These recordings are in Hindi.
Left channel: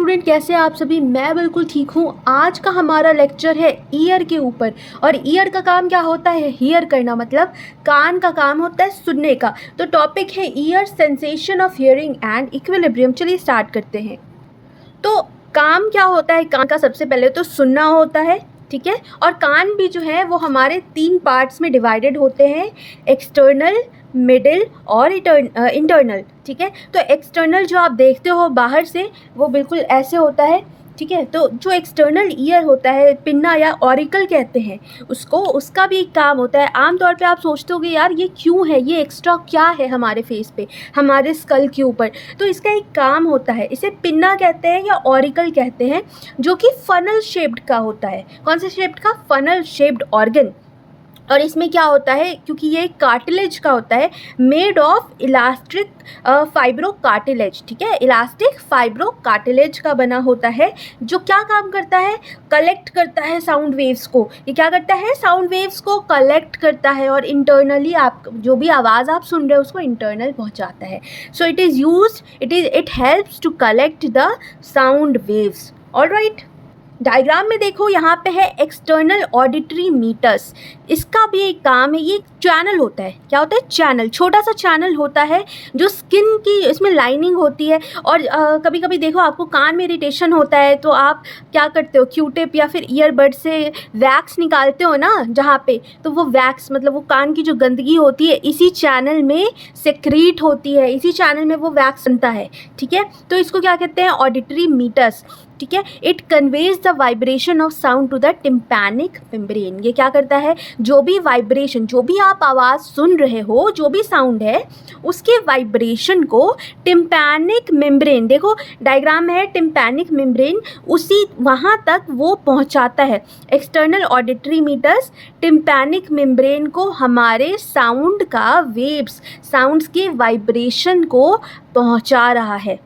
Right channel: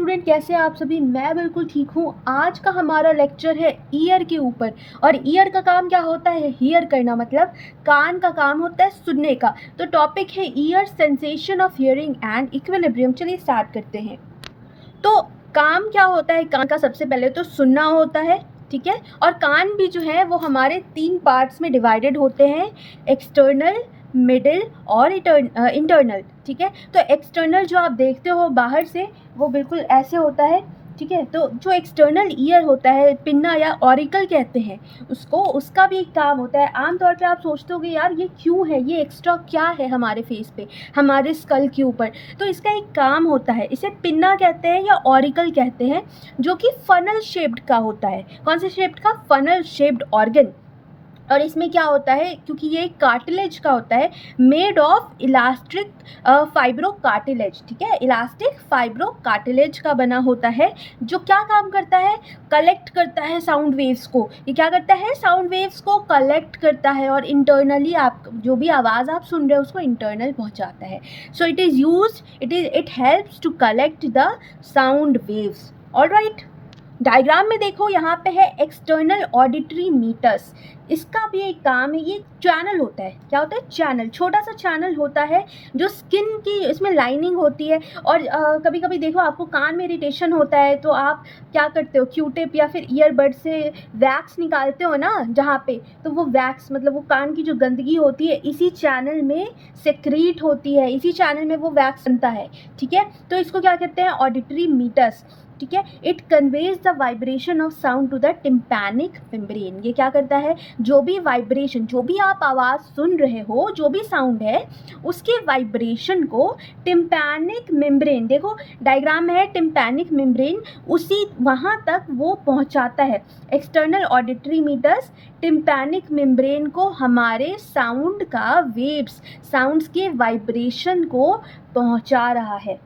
स्टूडेंट, कैसे हैं आप सभी। मैं बिल्कुल ठीक हूँ। आज का हमारा लेक्चर है ईयर के ऊपर। और ईयर का काम क्या होता है? हियर करना, मतलब कान का काम होता है सुनने का। तो टॉपिक है year, sensation of hearing and equilibrium. चलिए स्टार्ट करते हैं। तो काम क्या होता है कान का? सबसे पहले तो सुनना होता है, ठीक है। और कान भी जो है वो हमारे 3 पार्ट्स में डिवाइडेड होते हैं, एक्सटर्नल, मिडिल और इंटरनल, ठीक है। तो एक्सटर्नल जो आप देखते हो बाहर से, वो बिल्कुल ऐसे होता है, ठीक है। तो जो एक्सटर्नल ईयर होता है, पिन्ना या ऑरिकल कहते हैं उसको, उसका भी एक काम होता है। आमतौर पे आप सोचते होगे यार ये क्यों है, ये एक्स्ट्रा क्या है हमारे फेस पे, हमारे स्कल के ऊपर। तो इसका एक काम होता है, इसे पिन्ना कहते हैं या ऑरिकल कहते हैं, जो कि फनल शेप्ड का होता है। कौन से शेप्ड का? Funnel shaped organ. और इसमें क्या होता है, क्योंकि ये कार्टिलेज का होता है, made of elastic fibro cartilage, ठीक है। इलास्टिक फाइब्रो कार्टिलेज का बना होता है, जो क्या काम करता है? कलेक्ट करता है साउंड वेव्स को। ये क्या करता है? साउंड वेव्स को कलेक्ट करता है और इंटरनली आप जो भी आवाज़ आप सुन रहे हो उसको इंटरनल पहुंचाता है। So it helps to collect the sound waves. Alright, diagram में देखो, यहाँ पे है एक्सटर्नल ऑडिटरी मीटर्स। इसका भी एक काम है, ये चैनल होता है। क्या होता है? चैनल, छोटा सा चैनल होता है जो स्किन की इसमें लाइनिंग होती है। और कभी कभी देखो आपको कान में इरिटेशन होता है तो आप क्या करते हो, क्यूटिप या फिर ईयरबड से वैक्स निकालते हो ना जहाँ पे, तो वो वैक्स मतलब वो कान की जो गंदगी होती है इसी चैनल में सेक्रीट होती है, इसी चैनल में वो वैक्स बनता है, ठीक है। तो इसको क्या कहते हैं? ऑडिटरी मीटर्स, ठीक है। It conveys the vibration of sound to the tympanic membrane. ये क्या करता है? जो भी वाइब्रेशन, जो भी आप आवाज़ सुन रहे हो, जो भी साउंड है, उसके वाइब्रेशन को टिम्पैनिक मेम्ब्रेन, देखो डायग्राम में है टिम्पैनिक मेम्ब्रेन, उसी वहाँ तक वो पहुँचाता है। External auditory meatus tympanic membrane को हमारे साउंड का वेव्स, साउंड्स के वाइब्रेशन को पहुँचा रहा है,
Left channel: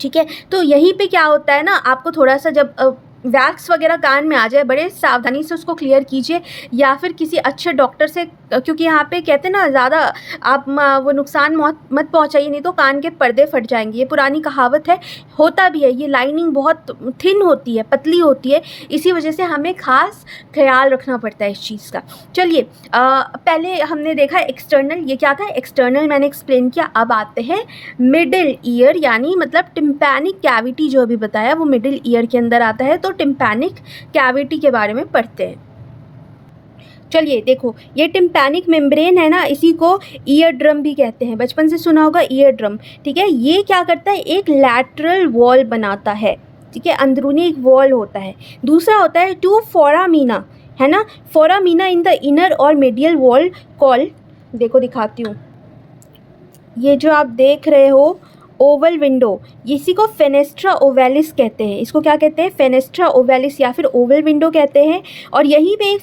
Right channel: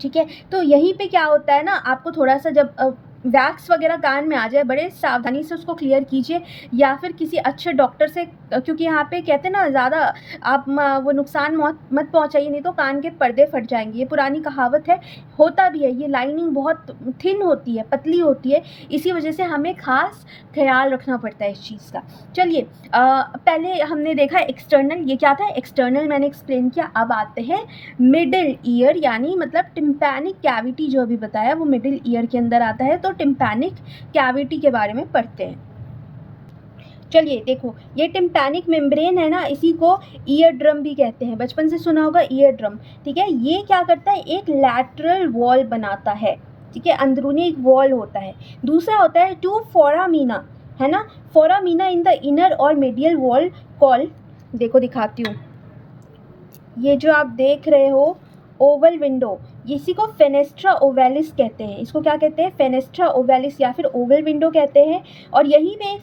ठीक है। तो यहीं पे क्या होता है ना, आपको थोड़ा सा जब वैक्स वगैरह कान में आ जाए, बड़े सावधानी से उसको क्लियर कीजिए, या फिर किसी अच्छे डॉक्टर से, क्योंकि यहाँ पे कहते हैं ना ज़्यादा आप वो नुकसान मत पहुँचाइए, नहीं तो कान के पर्दे फट जाएंगे। ये पुरानी कहावत है, होता भी है। ये लाइनिंग बहुत थिन होती है, पतली होती है, इसी वजह से हमें ख़ास ख्याल रखना पड़ता है इस चीज़ का। चलिए, पहले हमने देखा एक्सटर्नल, ये क्या था? एक्सटर्नल मैंने एक्सप्लेन किया। अब आते हैं मिडिल ईयर, यानी मतलब टिम्पैनिक कैविटी जो अभी बताया वो मिडिल ईयर के अंदर आता है। तो टिम्पैनिक कैविटी के बारे में पढ़ते हैं। चलिए देखो, ये टिम्पैनिक मेम्ब्रेन है ना, इसी को ईयर ड्रम भी कहते हैं, बचपन से सुना होगा ईयर ड्रम, ठीक है। ये क्या करता है? एक लैटरल वॉल बनाता है, ठीक है। अंदरूनी एक वॉल होता है। दूसरा होता है टू फोरामीना, है ना। फोरामीना इन द इनर और मीडियल वॉल कॉल, देखो दिखाती हूँ, ये जो आप देख रहे हो ओवल विंडो, इसी को फेनेस्ट्रा ओवैलिस कहते हैं। इसको क्या कहते हैं? फेनेस्ट्रा ओवैलिस या फिर ओवल विंडो कहते हैं। और यहीं पे एक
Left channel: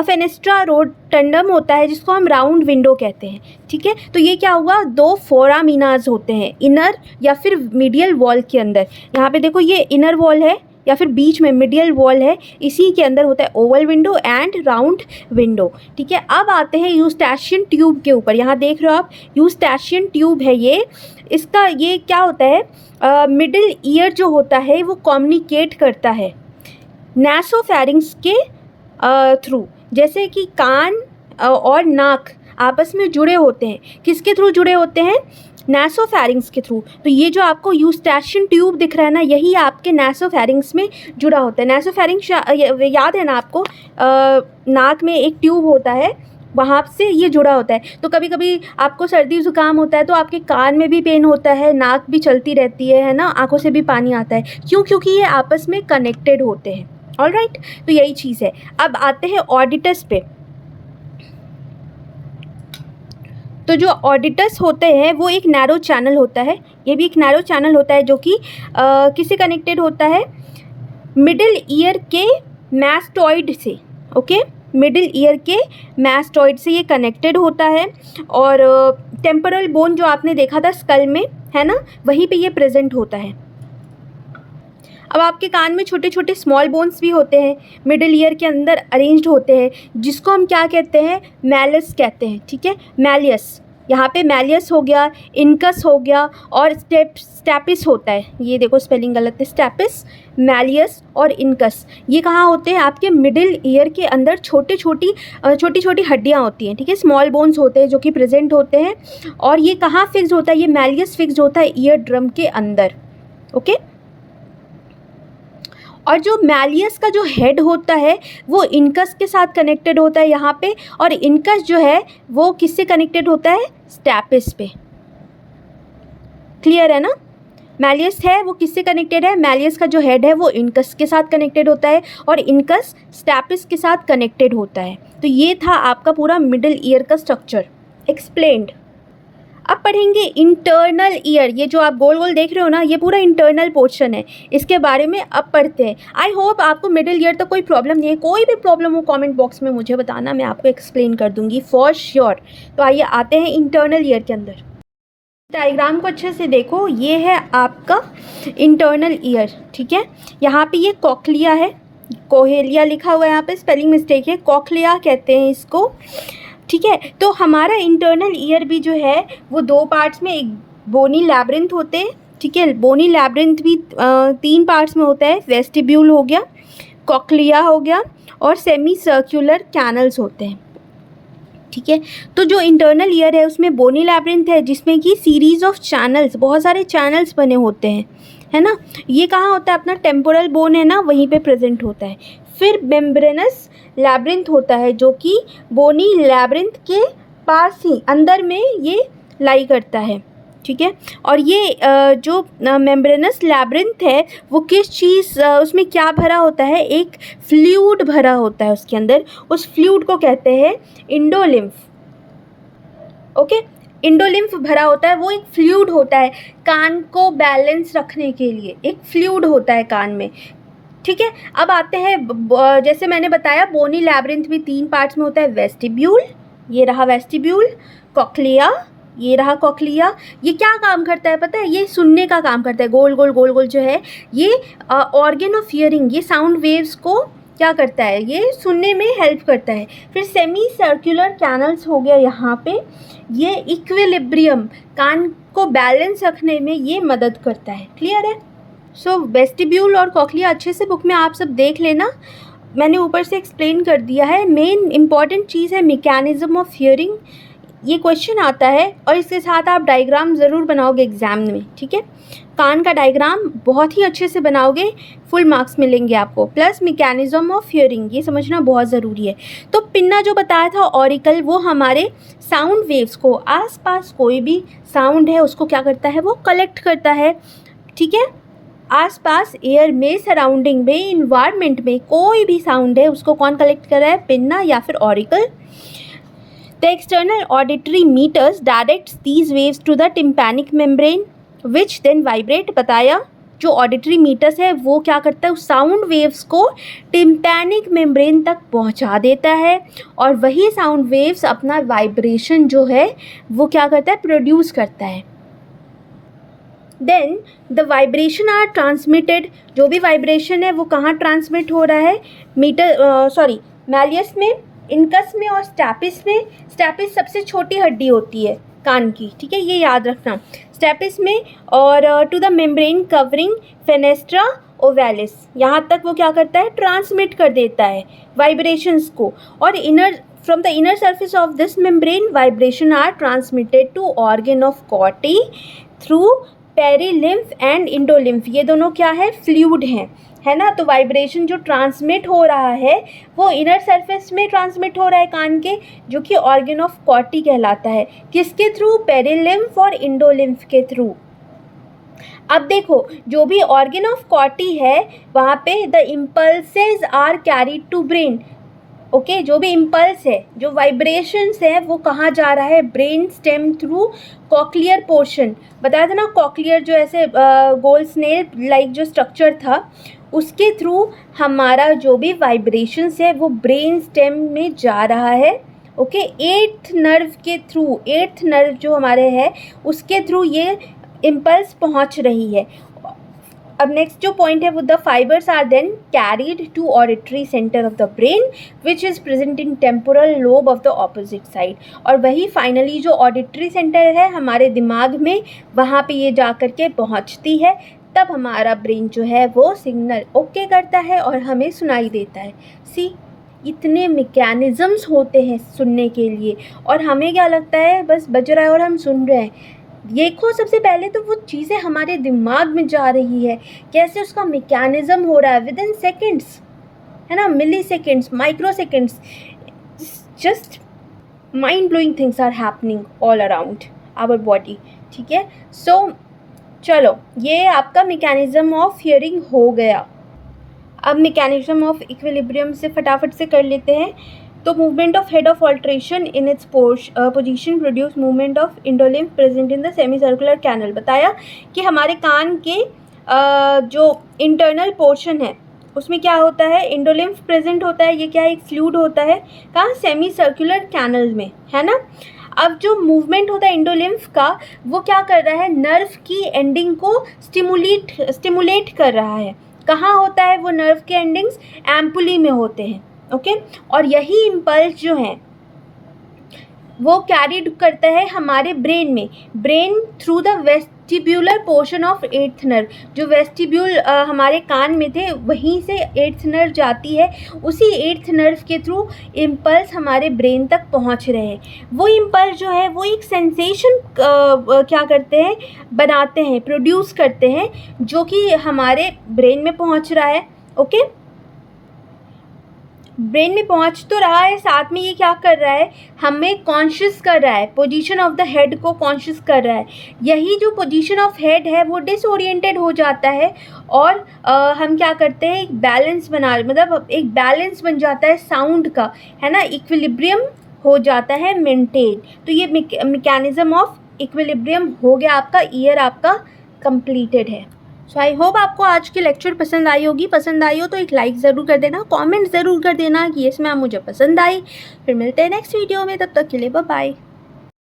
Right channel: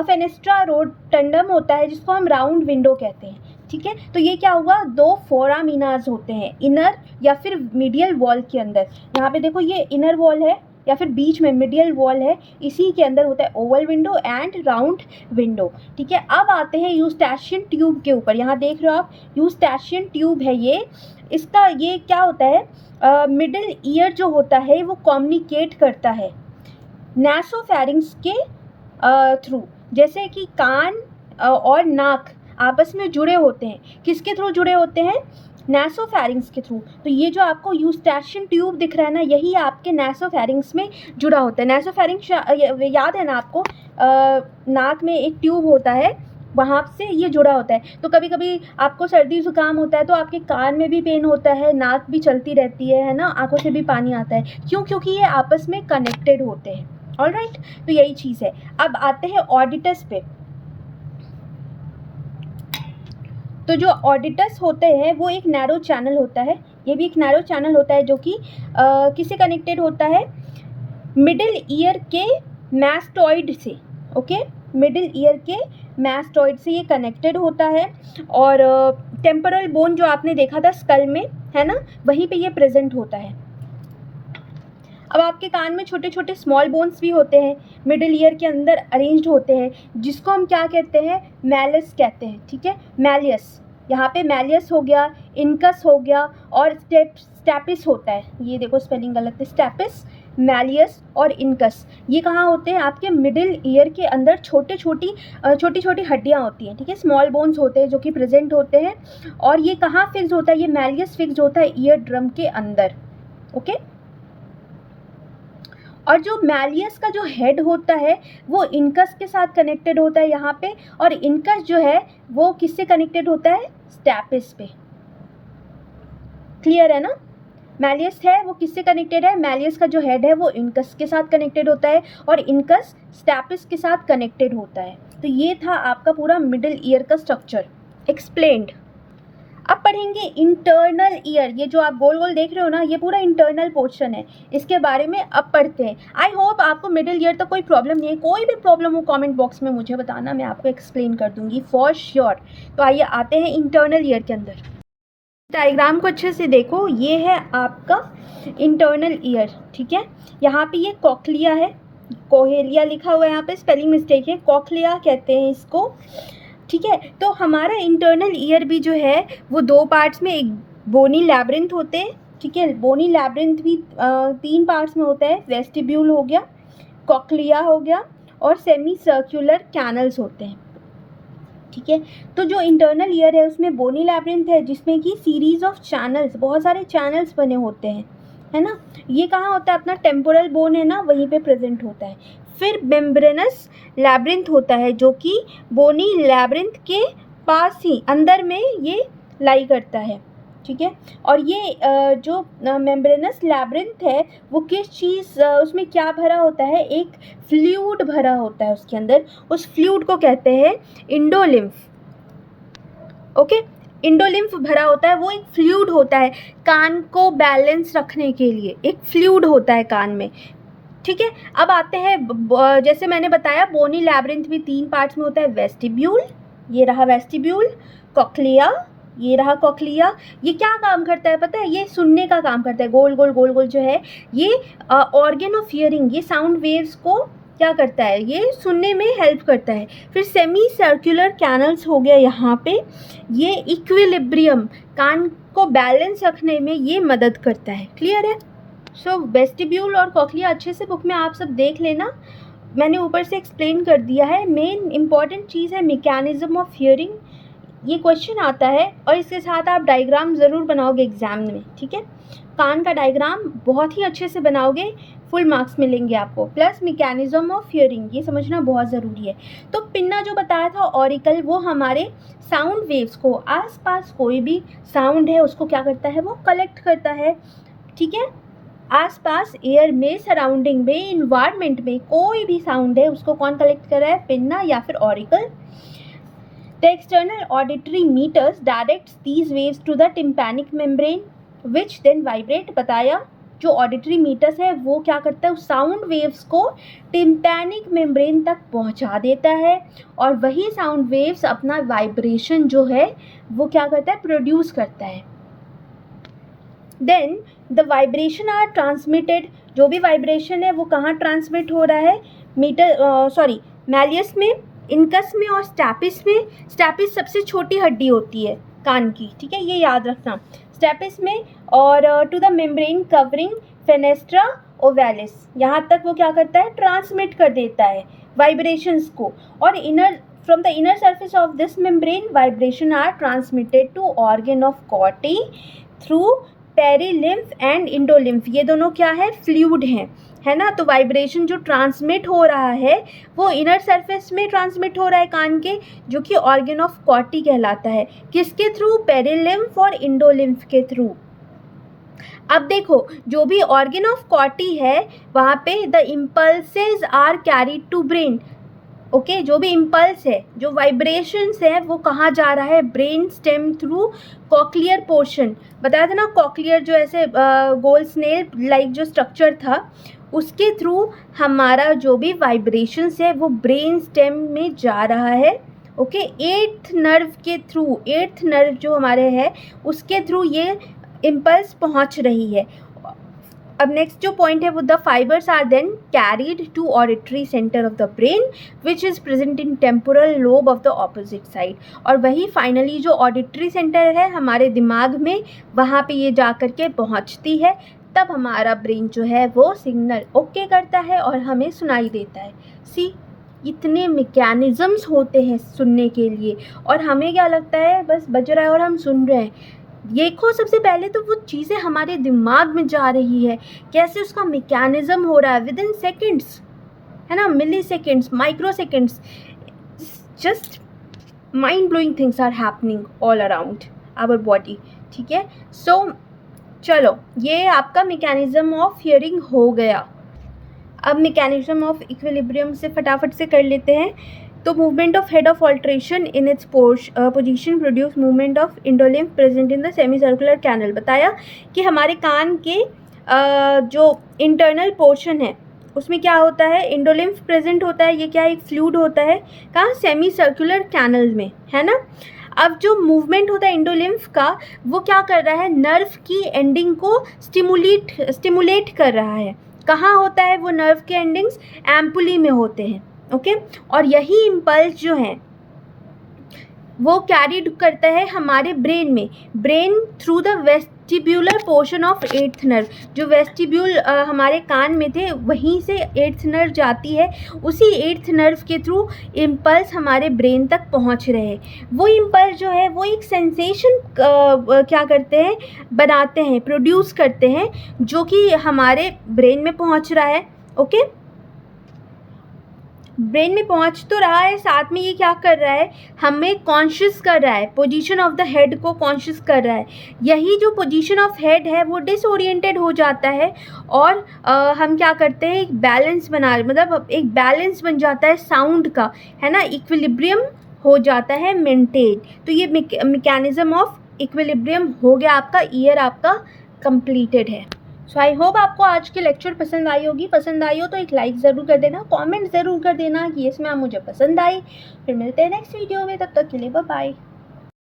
फेनेस्ट्रा रोटंडम होता है जिसको हम राउंड विंडो कहते हैं, ठीक है। तो ये क्या हुआ? 2 फोरामीनाज होते हैं इनर या फिर मीडियल वॉल के अंदर। यहाँ पे देखो ये इनर वॉल है या फिर बीच में मिडियल वॉल है, इसी के अंदर होता है Oval window and round window, ठीक है। अब आते हैं यूस्टैशियन ट्यूब के ऊपर। यहाँ देख रहे हो आप, यूस्टैशियन ट्यूब है ये। इसका ये क्या होता है? मिडिल ईयर जो होता है वो कम्युनिकेट करता है नासोफैरिंग्स के थ्रू। जैसे कि कान और नाक आपस में जुड़े होते हैं, किसके थ्रू जुड़े होते हैं? नासोफैरिंग्स के थ्रू। तो ये जो आपको यूस्टैशियन ट्यूब दिख रहा है ना, यही आपके नासोफैरिंग्स में जुड़ा होता है। नासोफैरिंग्स याद है ना आपको, नाक में एक ट्यूब होता है, वहाँ से ये जुड़ा होता है। तो कभी कभी आपको सर्दी ज़ुकाम होता है तो आपके कान में भी पेन होता है, नाक भी चलती रहती है ना, आंखों से भी पानी आता है। क्यों? क्योंकि ये आपस में कनेक्टेड होते हैं। ऑलराइट, तो यही चीज़ है। अब आते हैं ऑडिटस पे। तो जो ऑडिटस होते हैं वो एक नैरो चैनल होता है, ये भी एक नैरो चैनल होता है जो कि किससे कनेक्टेड होता है? मिडिल ईयर के मैस्टॉइड से, ओके। मिडिल ईयर के मैस्टॉइड से ये कनेक्टेड होता है। और टेम्पोरल बोन जो आपने देखा था स्कल में, है ना, वहीं पे ये प्रेजेंट होता है। अब आपके कान में छोटे छोटे स्मॉल बोन्स भी होते हैं, मिडिल ईयर के अंदर अरेंज्ड होते हैं, जिसको हम क्या कहते हैं? मैलस कहते हैं, ठीक है। मैलियस, यहाँ पे मैलियस हो गया, इनकस हो गया और स्टैपिस होता है। ये देखो स्पेलिंग गलत है, स्टैपिस, मैलियस और इनकस। ये कहाँ होते हैं? आपके मिडिल ईयर के अंदर छोटी छोटी हड्डियाँ होती हैं, ठीक है, स्मॉल बोन्स होते हैं जो कि प्रेजेंट होते हैं। और ये कहाँ फिक्स होता है? ये मैलियस फिक्स होता है ईयर ड्रम के अंदर, ओके। और जो मैलियस का जो हेड होता है वो इनकस के साथ कनेक्टेड होता है यहाँ पे, और इनकस जो है वो किससे कनेक्टेड होता है? स्टैपिस पे। क्लियर है ना? मैलियस है वो किससे कनेक्टेड है? मैलियस का जो हेड है वो इनकस के साथ कनेक्टेड होता है और इनकस स्टैपिस के साथ कनेक्टेड होता है। तो ये था आपका पूरा मिडिल ईयर का स्ट्रक्चर एक्सप्लेन्ड। अब पढ़ेंगे इंटरनल ईयर। ये जो आप गोल गोल देख रहे हो ना, ये पूरा इंटरनल पोर्शन है, इसके बारे में अब पढ़ते हैं। आई होप आपको मिडिल ईयर तक कोई प्रॉब्लम नहीं है। कोई भी प्रॉब्लम हो कमेंट बॉक्स में मुझे बताना, मैं आपको एक्सप्लेन कर दूंगी फॉर श्योर। तो आइए आते हैं इंटरनल ईयर के अंदर। डायग्राम को अच्छे से देखो, ये है आपका इंटरनल ईयर, ठीक है। यहाँ पे ये कॉक्लिया है, कोहेलिया लिखा हुआ है, यहाँ पे स्पेलिंग मिस्टेक है, कॉक्लिया कहते हैं इसको, ठीक है। तो हमारा इंटरनल ईयर भी जो है वो दो पार्ट्स में, एक बोनी लैब्रिंथ होते हैं, ठीक है। बोनी लैब्रिंथ भी 3 पार्ट्स में होता है, वेस्टिब्यूल हो गया, कॉक्लिया हो गया और सेमी सर्कुलर कैनल्स होते हैं, ठीक है। तो जो इंटरनल ईयर है उसमें बोनी लैब्रिंथ है जिसमें कि सीरीज ऑफ चैनल्स, बहुत सारे चैनल्स बने होते हैं, है ना। ये कहाँ होता है? अपना टेम्पोरल बोन है ना, वहीं पे प्रेजेंट होता है। फिर मेम्ब्रेनस लैब्रिंथ होता है जो कि बोनी लैब्रिंथ के पास ही अंदर में ये लाई करता है, ठीक है। और ये जो मेम्ब्रेनस लैब्रिंथ है वो किस चीज़, उसमें क्या भरा होता है? एक फ्लूइड भरा होता है उसके अंदर। उस फ्लूइड को कहते हैं इंडोलिम्फ, ओके। इंडोलिम्फ भरा होता है, वो एक फ्लूइड होता है कान को बैलेंस रखने के लिए, एक फ्लूइड होता है कान में, ठीक है। अब आते हैं, जैसे मैंने बताया बोनी लैब्रिंथ भी 3 पार्ट्स में होता है, वेस्टिब्यूल, ये रहा वेस्टिब्यूल, कॉक्लिया, ये रहा कॉक्लिया। ये क्या काम करता है पता है? ये सुनने का काम करता है, गोल गोल जो है ये ऑर्गन ऑफ हियरिंग, ये साउंड वेव्स को क्या करता है? ये सुनने में हेल्प करता है। फिर सेमी सर्कुलर कैनल्स हो गया यहाँ पे, ये इक्विलिब्रियम, कान को बैलेंस रखने में ये मदद करता है। क्लियर है? सो वेस्टिब्यूल और कॉक्लिया अच्छे से बुक में आप सब देख लेना, मैंने ऊपर से एक्सप्लेन कर दिया है। मेन इंपॉर्टेंट चीज़ है मैकेनिज्म ऑफ हियरिंग, ये क्वेश्चन आता है और इसके साथ आप डायग्राम ज़रूर बनाओगे एग्जाम में, ठीक है। कान का डायग्राम बहुत ही अच्छे से बनाओगे, फुल मार्क्स मिलेंगे आपको, प्लस मैकेनिज्म ऑफ हियरिंग ये समझना बहुत ज़रूरी है। तो पिन्ना जो बताया था ऑरिकल, वो हमारे साउंड वेव्स को, आसपास कोई भी साउंड है उसको क्या करता है? वो कलेक्ट करता है, ठीक है। आसपास एयर में, सराउंडिंग में, इन्वायरमेंट में कोई भी साउंड है उसको कौन कलेक्ट कर रहा है? पिन्ना या फिर auricle. The external auditory meters directs these waves to the tympanic membrane which then vibrate। बताया जो ऑडिटरी मीटर्स है वो क्या करता है? उस साउंड वेव्स को टिम्पैनिक मेम्ब्रेन तक पहुंचा देता है और वही साउंड वेव्स अपना वाइब्रेशन जो है वो क्या करता है? प्रोड्यूस करता है। Then the vibration are transmitted, जो भी वाइब्रेशन है वो कहाँ ट्रांसमिट हो रहा है? मैलियस में, इनकस में और स्टैपिस में। स्टैपिस सबसे छोटी हड्डी होती है कान की, ठीक है, ये याद रखना, स्टैपिस में। और to the membrane covering fenestra ovalis, यहाँ तक वो क्या करता है? ट्रांसमिट कर देता है वाइब्रेशंस को। और from the inner surface of this membrane vibration are transmitted to organ of Corti through perilymph and endolymph. ये दोनों क्या है? फ्लूइड हैं, है ना। तो वाइब्रेशन जो ट्रांसमिट हो रहा है वो इनर सरफेस में ट्रांसमिट हो रहा है कान के, जो कि ऑर्गन ऑफ कॉटी कहलाता है। किसके थ्रू? पेरिलिम्फ और इंडोलिम्फ के थ्रू। अब देखो, जो भी ऑर्गन ऑफ कॉटी है वहाँ पे the impulses are carried to brain, okay. जो भी इम्पल्स है, जो वाइब्रेशंस है वो कहाँ जा रहा है? Brain stem through cochlear portion. बताया था ना, कॉक्लियर जो ऐसे गोल स्नेल लाइक जो स्ट्रक्चर था उसके थ्रू हमारा जो भी वाइब्रेशंस है वो ब्रेन स्टेम में जा रहा है, ओके। 8th नर्व के थ्रू, 8th नर्व जो हमारे है उसके थ्रू ये इम्पल्स पहुंच रही है। अब नेक्स्ट जो पॉइंट है वो the fibres are then carried to auditory centre of the brain which is present in temporal lobe of the opposite side. और वही फाइनली जो ऑडिटरी सेंटर है हमारे दिमाग में, वहाँ पे ये जा कर के पहुँचती है, तब हमारा ब्रेन जो है वो सिग्नल ओके करता है और हमें सुनाई देता है। सी, इतने मैकेनिज़म्स होते हैं सुनने के लिए, और हमें क्या लगता है बस बज रहा है और हम सुन रहे हैं। देखो, सबसे पहले तो वो चीज़ें हमारे दिमाग में जा रही है, कैसे उसका मैकेनिज़्म हो रहा है विद इन सेकेंड्स, है ना, milliseconds, microseconds, just mind blowing things are happening all around our body. ठीक है, सो चलो ये आपका मैकेनिज़्म ऑफ हियरिंग हो गया। अब मैकेनिज़्म ऑफ इक्विलिब्रियम से फटाफट से कर लेते हैं। तो movement of head of alteration in its position produce movement of endolymph present in the semicircular canal. बताया कि हमारे कान के जो इंटरनल पोर्शन है उसमें क्या होता है, इंडोलिम्फ प्रेजेंट होता है। ये क्या है, एक फ्लूइड होता है, कहाँ, सेमी सर्कुलर कैनल में, है ना। अब जो मूवमेंट होता है इंडोलिम्फ का, वो क्या कर रहा है, नर्व की एंडिंग को स्टिमुलेट कर रहा है। कहाँ होता है वो नर्व के एंडिंग्स, एम्पुली में होते हैं। ओके, और यही इम्पल्स जो है वो कैरीड करता है हमारे ब्रेन में, brain through the vestibular portion of eighth nerve. जो वेस्टिब्यूल हमारे कान में थे वहीं से एट्थ नर्व जाती है, उसी एट्थ नर्व के थ्रू इम्पल्स हमारे ब्रेन तक पहुंच रहे हैं। वो इम्पल्स जो है वो एक सेंसेशन क्या करते हैं, बनाते हैं, प्रोड्यूस करते हैं, जो कि हमारे ब्रेन में पहुंच रहा है। ओके, ब्रेन में पहुंच तो रहा है, साथ में ये क्या कर रहा है, हमें कॉन्शियस कर रहा है, पोजीशन ऑफ द हेड को कॉन्शियस कर रहा है। यही जो पोजीशन ऑफ हेड है वो डिसओरिएंटेड हो जाता है, और हम क्या करते हैं, एक बैलेंस बना, मतलब एक बैलेंस बन जाता है साउंड का, है ना, इक्विलिब्रियम हो जाता है मेंटेन। तो ये मैकेनिज़्म ऑफ इक्विलिब्रियम हो गया आपका, ईयर आपका कंप्लीटेड है। सो आई होप आपको आज की लेक्चर पसंद आई होगी। पसंद आई हो तो एक लाइक ज़रूर कर देना, कमेंट ज़रूर कर देना कि इसमें आप मुझे पसंद आई। फिर मिलते हैं नेक्स्ट वीडियो में, तब तक के लिए बाय बाय।